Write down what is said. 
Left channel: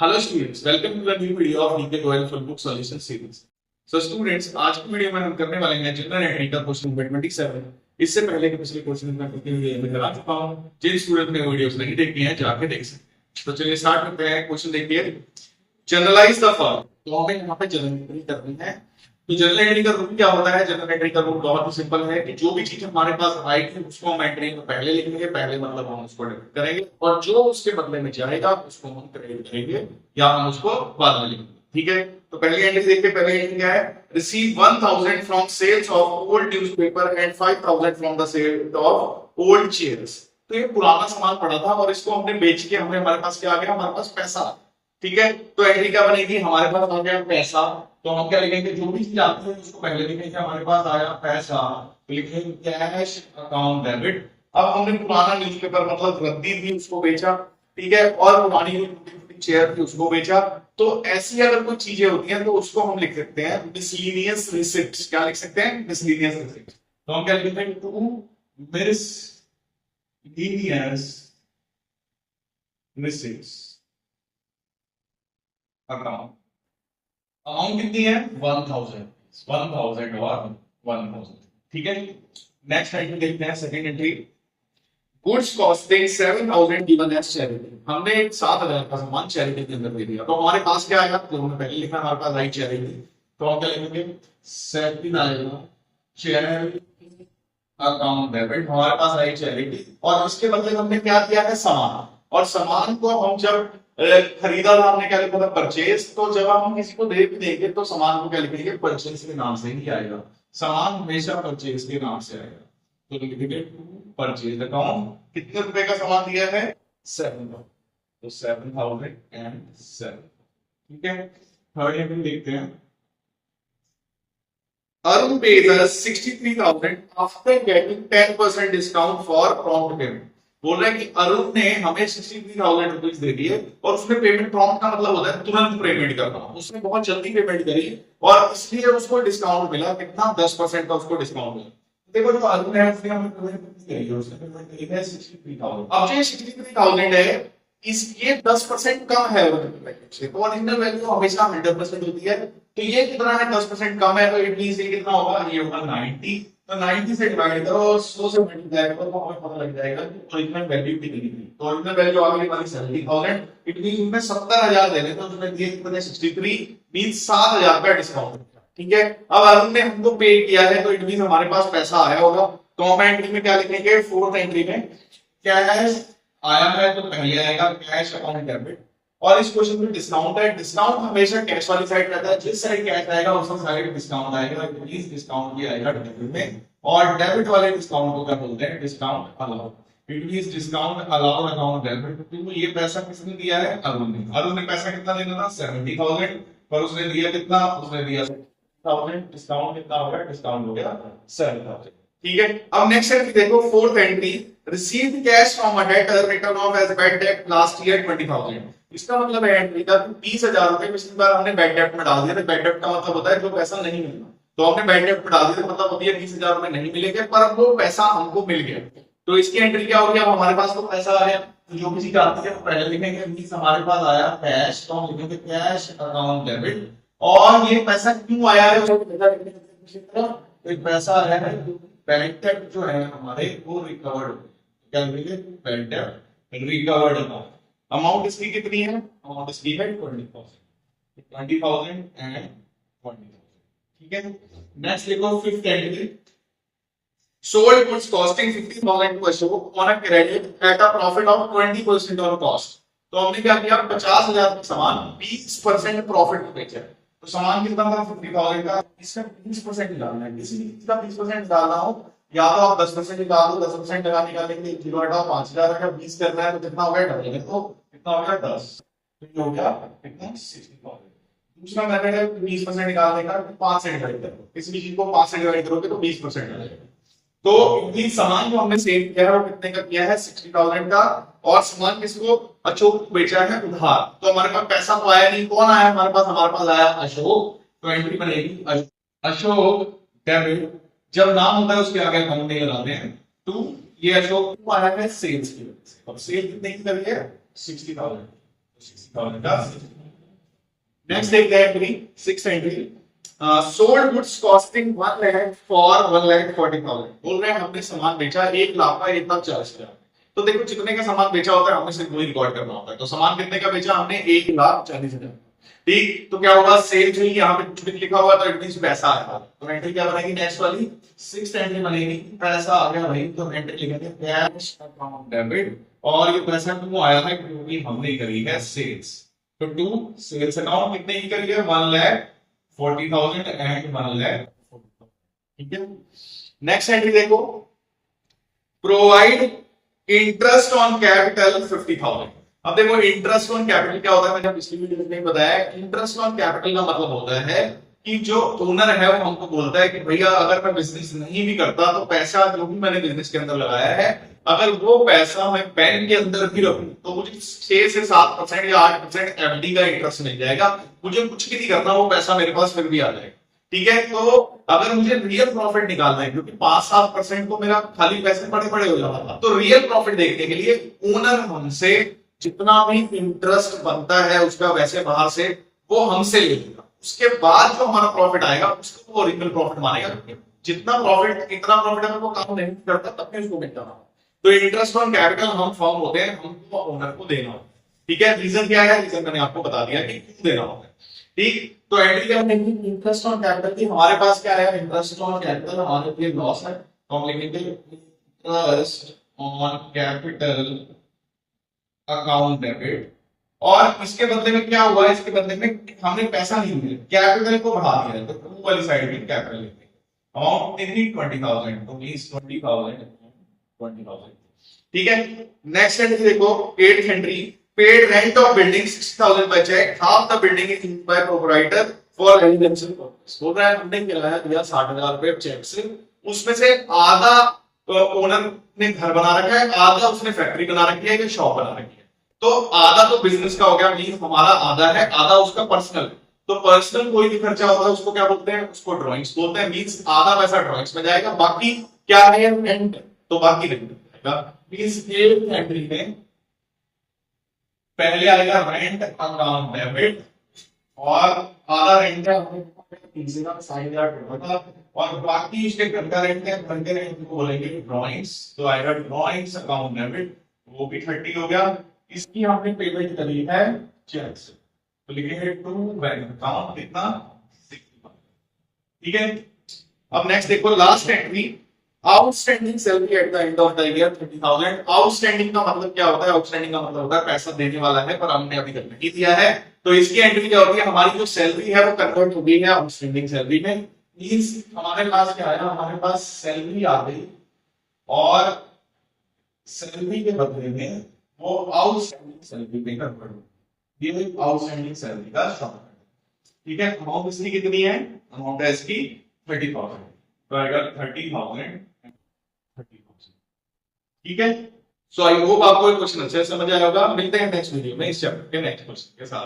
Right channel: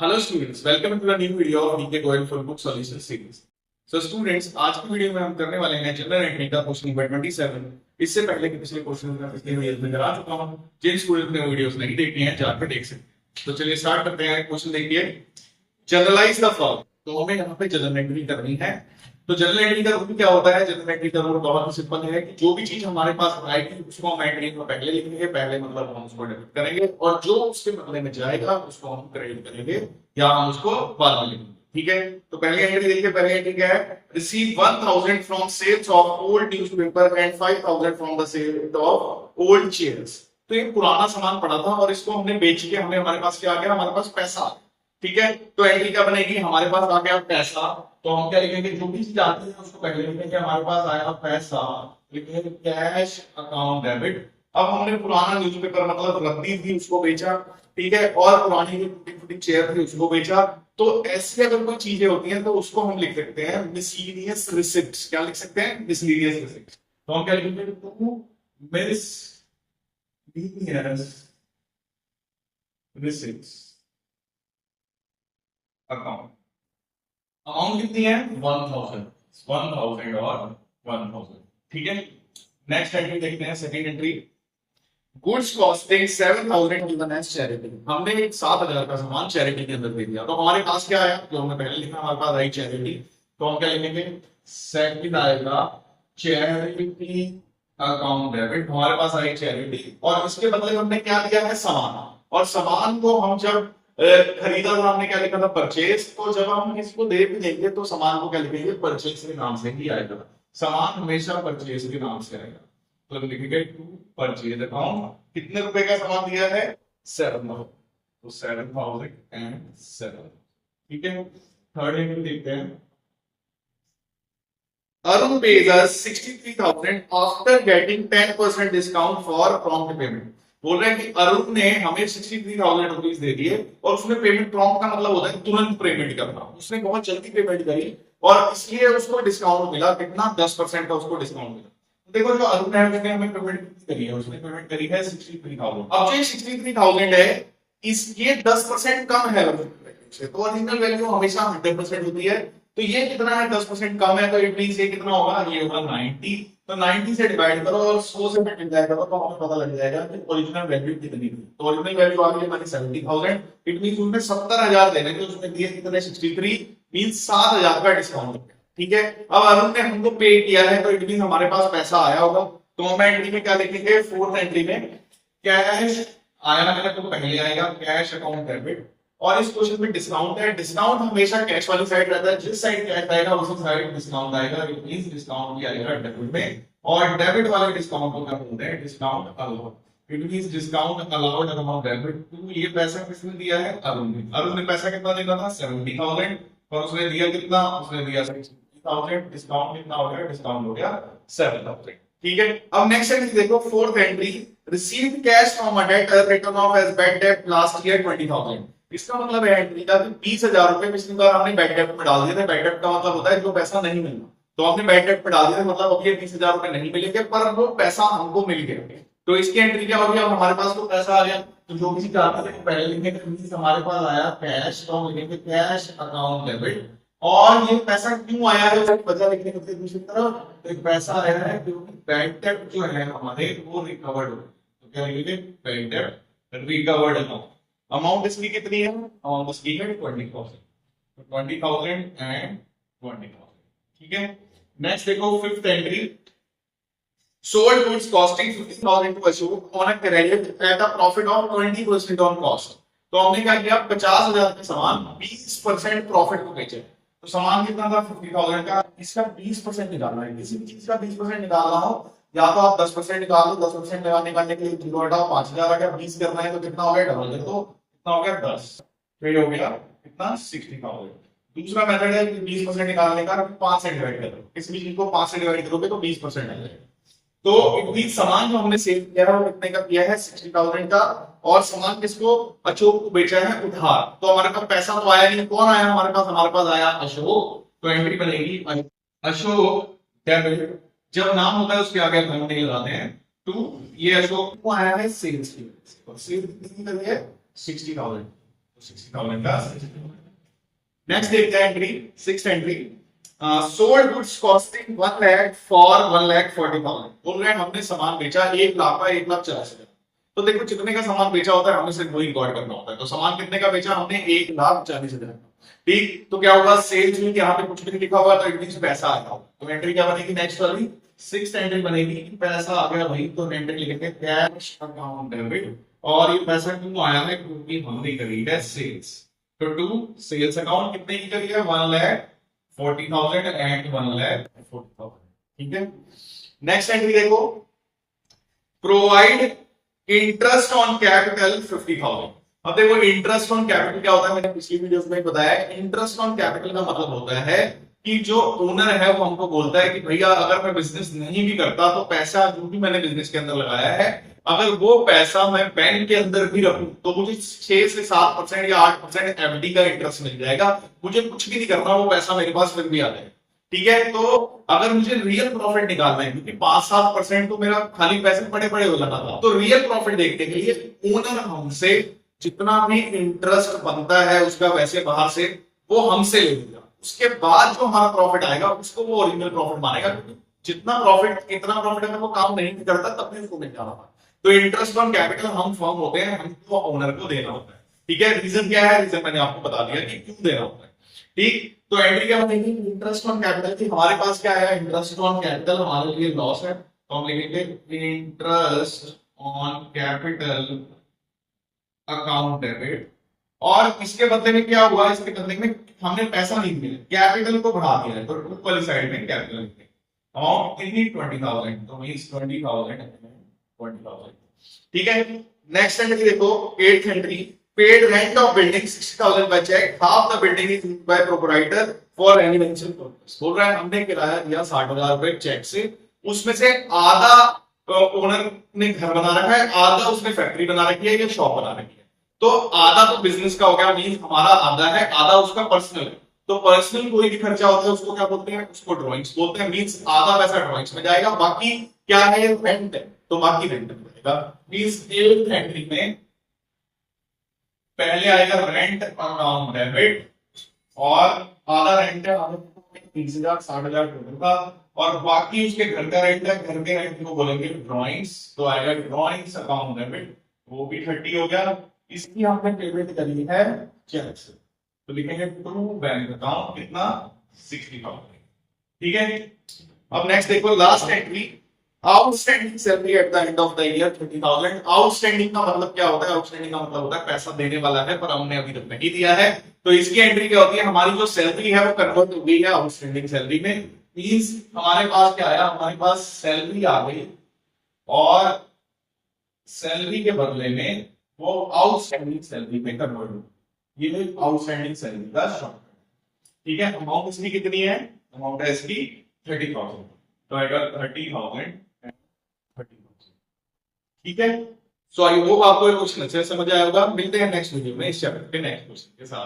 Hello students, welcome to the new video of DK Goyal full book solution series. So students, आज की वीडियो में हम करने वाले हैं जनरल एंट्री का क्वेश्चन नंबर 27। इससे पहले के पिछले क्वेश्चन में पिछले वीडियो में करा चुका हूं। जिन स्टूडेंट ने वीडियोस नहीं देखी हैं जाके देख सकते हैं। तो चलिए स्टार्ट करते हैं। क्वेश्चन देखिए, जनरलाइज द फॉलोइंग। तो हमें यहाँ पे जनरल एंट्री करनी है। तो जनरल एंट्री का रूल क्या होता है? जनरल एंट्री का रूल बहुत ही सिंपल है कि जो भी चीज हमारे पास आएगी उसको हम एंट्री में पहले लिखेंगे। पहले मतलब हम उसको डेबिट करेंगे, और जो उसके बदले में जाएगा उसको हम क्रेडिट करेंगे या हम उसको बाद में लिखेंगे। ठीक है, तो पहली एंट्री देखिए। पहली एंट्री क्या है? Receive 1000 from sales of old newspaper and 5000 from the sale of old chairs. तो ये पुराना सामान पड़ा था और इसको हमने बेच के हमारे पास क्या आ गया? हमारे पास पैसा। ठीक है, तो एंट्री क्या बनेगी? हमारे पास आ गया पैसा, तो हम क्या लिखेंगे? जो भी चीज आती है उसको पहले लिखेंगे। हमारे पास आया पैसा, तो लिखेंगे कैश अकाउंट डेबिट। अब हमने पुराना न्यूज़पेपर मतलब रद्दी थी उसको बेचा, ठीक है, और पुरानी जो चेयर थी उसको बेचा। तो ऐसी अगर कोई चीजें होती हैं तो उसको हम लिख सकते हैं मिसलेनियस रिसिप्ट्स। क्या लिख सकते हैं? Miscellaneous receipts. तो हम क्या लिखते हैं? To miscellaneous receipts account. Amount कितनी है? 1000 और 1000। ठीक है, नेक्स्ट एंट्री देखते हैं। Second entry, goods costing 7000 given as charity. हमने 7000 का सामान चैरिटी के अंदर दे दिया। तो हमारे पास क्या आया? जो हमने पहले लिखा, हमारे पास आई चैरिटी। तो हम क्या लिखेंगे? सेकंड आएगा चैरिटी अकाउंट डेबिट। हमारे पास आई चैरिटी, और इसके बदले हमने क्या दिया है? सामान। और सामान को हम जब खरीदा था, हमने क्या लिखा था? परचेज। तो जब हम किसी को दे भी देंगे तो सामान को क्या लिखेंगे? परचेज के नाम से ही आएगा। सामान हमेशा परचेज के नाम से आएगा। तो लिखेंगे टू परचेज अकाउंट। कितने रुपए का सामान दिया है? 7000। तो 7007। ठीक है, थर्ड एंट्री देखते हैं। Arun pays us 63,000 after getting 10% discount for prompt payment। बोल रहे हैं कि अरुण ने हमें 63,000 रुपीज दे दिए, और उसने पेमेंट, प्रॉम्प्ट का मतलब होता है तुरंत पेमेंट करना। उसने बहुत जल्दी पेमेंट करी और इसलिए उसको डिस्काउंट मिला। कितना? 10% का उसको डिस्काउंट मिला। देखो, जो अरुण है उसने हमें पेमेंट कितनी करी है? उसने पेमेंट करी है 63,000। अब जो 63,000 है, ये 10% कम है ओरिजिनल वैल्यू से। तो ओरिजिनल वैल्यू हमेशा 100% होती है। तो ये कितना है? 10% कम है, तो इट मींस ये कितना होगा? ये होगा 90। तो 90 से डिवाइड करो और 100 से मल्टीप्लाई करो, तो हमें पता लग जाएगा कि ओरिजिनल वैल्यू कितनी थी। तो ओरिजिनल वैल्यू आ गई हमारी 70,000। इट मींस उसने 70,000 देने थे, उसने दिए कितने? 63, मींस 7,000 का डिस्काउंट। ठीक है, अब अरुण ने हमको पे किया है, तो इट मींस हमारे पास पैसा आया होगा। तो हम एंट्री में क्या लिखेंगे? फोर्थ एंट्री में कैश आया है, तो पहले आएगा कैश अकाउंट डेबिट। और इस क्वेश्चन में डिस्काउंट है। डिस्काउंट हमेशा कैश वाली साइड रहता है। जिस साइड कैश आएगा उसी साइड डिस्काउंट आएगा। इट मींस डिस्काउंट भी आएगा डेबिट में। और डेबिट वाले डिस्काउंट को क्या बोलते हैं? Discount allowed. It means discount allowed account debit. तो ये पैसा किसने दिया है? अरुण ने। अरुण ने पैसा कितना देना था? 70,000, पर उसने दिया कितना? उसने दिया 60,000। डिस्काउंट कितना हो गया? डिस्काउंट हो गया 7,000। ठीक है, अब नेक्स्ट एंट्री देखो, fourth entry, received cash from a debtor written off as bad debt last year 20,000। इसका मतलब है एंट्री का 20,000 रुपए पिछली बार हमने बैड डेट में डाल दिए थे। बैड डेट का मतलब होता है जो पैसा नहीं मिलना। तो हमने बैड डेट में डाल दिया, मतलब अब ये 20,000 रुपए नहीं मिलेंगे, पर वो पैसा हमको मिल गया। तो इसकी एंट्री क्या होगी? अब हमारे पास तो पैसा आ गया, तो जो किसी का आती है तो पहले लिखेंगे मींस हमारे पास आया कैश, तो हम लिखेंगे कैश अकाउंट डेबिट। और ये पैसा क्यों आया है उसकी वजह लिखने की दूसरी तरफ। तो एक पैसा आया है क्योंकि बैड डेट जो है हमारे वो रिकवर्ड। तो क्या लिखेंगे? Bad debt recovered account. Amount इसकी कितनी है? अमाउंट इसकी है 20,000। 20,000 एंड 20,000। ठीक है, नेक्स्ट देखो fifth entry, sold goods costing 50,000 to Ashok on a credit at a profit of 20% on cost। तो हमने क्या किया? 50,000 का सामान 20% प्रॉफिट को बेचा। तो सामान कितना था? 50,000 का। इसका 20% निकालना है। किसी भी चीज का 20% निकालना हो, या तो आप 10% निकाल दो। 10% निकालने के लिए 0 हटाओ, 5,000 का 20 करना है तो कितना हो गया? डबल कर दो, कितना हो गया? 10। तो ये हो गया कितना? 60,000। दूसरा मेथड है 20% निकालने का, 5 से डिवाइड करो। किसी भी चीज को 5 से डिवाइड करोगे तो 20% आ जाएगा। तो इतनी सामान जो हमने सेल किया है वो कितने का किया है? 60,000 का। और सामान किसको? अशोक को बेचा है उधार। तो हमारे पास पैसा तो आया नहीं। कौन आया हमारे पास? हमारे पास आया अशोक। तो एंट्री बनेगी अशोक डेबिट। जब नाम होता है उसके आगे अकाउंट नहीं लगाते हैं। तो ये अशोक को आया है सेल्स की वजह से। और सेल कितने की करी है? 60,000। 60,000 का। नेक्स्ट देखते हैं entry, six entry, sold goods costing 1 lakh for 1,40,000। बोल रहे हैं हमने सामान बेचा 1 लाख का, 1,40,000। तो देखो जितने का सामान बेचा होता है हमें सिर्फ वही रिकॉर्ड करना होता है। तो सामान कितने का बेचा हमने, 1,40,000। ठीक, तो क्या होगा, सेल्स हुई, यहाँ पे कुछ भी नहीं लिखा हुआ तो इट मींस पैसा आया। तो एंट्री क्या बनेगी नेक्स्ट वाली, सिक्स एंट्री बनेगी, पैसा आ गया भाई। तो एंट्री लिखेंगे कैश अकाउंट डेबिट, और ये पैसा क्यों आया है, क्योंकि हमने करी है सेल्स। तो टू सेल्स अकाउंट कितने की करी है, 1,40,000 एंड 1,40,000। ठीक है, नेक्स्ट एंट्री देखो, प्रोवाइड इंटरेस्ट ऑन कैपिटल 50,000। अब देखो इंटरेस्ट ऑन कैपिटल क्या होता है, मैंने पिछली वीडियोस में बताया। इंटरेस्ट ऑन कैपिटल का मतलब होता है कि जो ओनर है वो हमको बोलता है कि भैया अगर मैं बिजनेस नहीं भी करता तो पैसा जो भी मैंने बिजनेस के अंदर लगाया है, अगर वो पैसा मैं बैंक के अंदर भी रखूं तो मुझे 6 से 7% या 8% एफडी का इंटरेस्ट मिल जाएगा। मुझे कुछ भी नहीं करना, वो पैसा मेरे पास फिर भी आ जाएगा। ठीक है, तो अगर मुझे रियल प्रॉफिट निकालना है, क्योंकि 5-7% तो मेरा खाली पैसे पड़े पड़े हो जाना था, तो रियल प्रॉफिट देखने के लिए ओनर हमसे जितना भी इंटरेस्ट बनता है उसका वैसे बाहर से वो हमसे ले लेगा। उसके बाद जो हमारा प्रॉफिट आएगा उसको वो ओरिजिनल प्रॉफिट मानेगा, क्योंकि जितना प्रॉफिट इतना प्रॉफिट अगर वो काम नहीं करता तब भी उसको मिल जाना था। तो इंटरेस्ट ऑन कैपिटल हम फर्म होते हैं, हमको ओनर को देना होता है। ठीक है, रीजन क्या है, रीजन मैंने आपको बता दिया कि क्यों देना होता है। ठीक, तो एंट्री क्या बनेगी, इंटरेस्ट ऑन कैपिटल की। हमारे पास क्या है, इंटरेस्ट ऑन कैपिटल हमारे लिए लॉस है, तो हम लिखेंगे interest on capital account debit. और इसके बदले में क्या हुआ, इसके बदले में हमने पैसा नहीं मिला, कैपिटल को बढ़ा दिया है, तो टू वाली साइड में कैपिटल लिखेंगे। अमाउंट कितनी, 20,000, तो मींस 20,000। ठीक है, नेक्स्ट एंट्री देखो, eighth entry, paid rent of building 60,000 by cheque, half the building is used by proprietor for residential purpose. बोल रहा है हमने किराया दिया 60,000 रुपए चेक से, उसमें से आधा ओनर ने घर बना रखा है, आधा उसने फैक्ट्री बना रखी है या शॉप बना रखी है। तो आधा तो बिजनेस का हो गया, मींस हमारा आधा है, आधा उसका पर्सनल। तो पर्सनल कोई भी खर्चा होता है उसको क्या बोलते हैं, उसको ड्राइंग्स बोलते हैं। मींस आधा पैसा ड्राइंग्स में जाएगा, बाकी क्या है, रेंट है, तो बाकी रेंट में जाएगा। मींस एट एंट्री में पहले आएगा रेंट अकाउंट डेबिट, और आधा रेंट है हमें 30,000 60,000 का, और बाकी उसके घर का रेंट है, घर के रेंट को बोलेंगे ड्राइंग्स, तो आएगा ड्राइंग्स अकाउंट डेबिट, वो भी 30 हो गया। इसकी हमने पेमेंट करी है चेक से, तो लिखेंगे टू बैंक अकाउंट, कितना, 60,000। ठीक है, अब नेक्स्ट देखो, last entry, outstanding salary at the end of the year 30,000। Outstanding का मतलब क्या होता है, आउटस्टैंडिंग का मतलब होता है पैसा देने वाला है पर हमने अभी तक नहीं दिया है। तो इसकी एंट्री क्या होती है, हमारी जो सैलरी है वो कन्वर्ट हो गई है आउटस्टैंडिंग सैलरी में। मींस हमारे पास क्या आया, हमारे पास सैलरी आ गई, और सैलरी के बदले में वो आउटस्टैंडिंग सैलरी में कन्वर्ट हो, ये आउटस्टैंडिंग सैलरी का शॉर्टकट। ठीक है, अमाउंट इसकी कितनी है, अमाउंट है इसकी 30,000, तो आएगा 30,000। ठीक है, सो आई होप आपको ये क्वेश्चन अच्छे से समझ आया होगा। मिलते हैं नेक्स्ट वीडियो में इस चैप्टर के नेक्स्ट क्वेश्चन के साथ।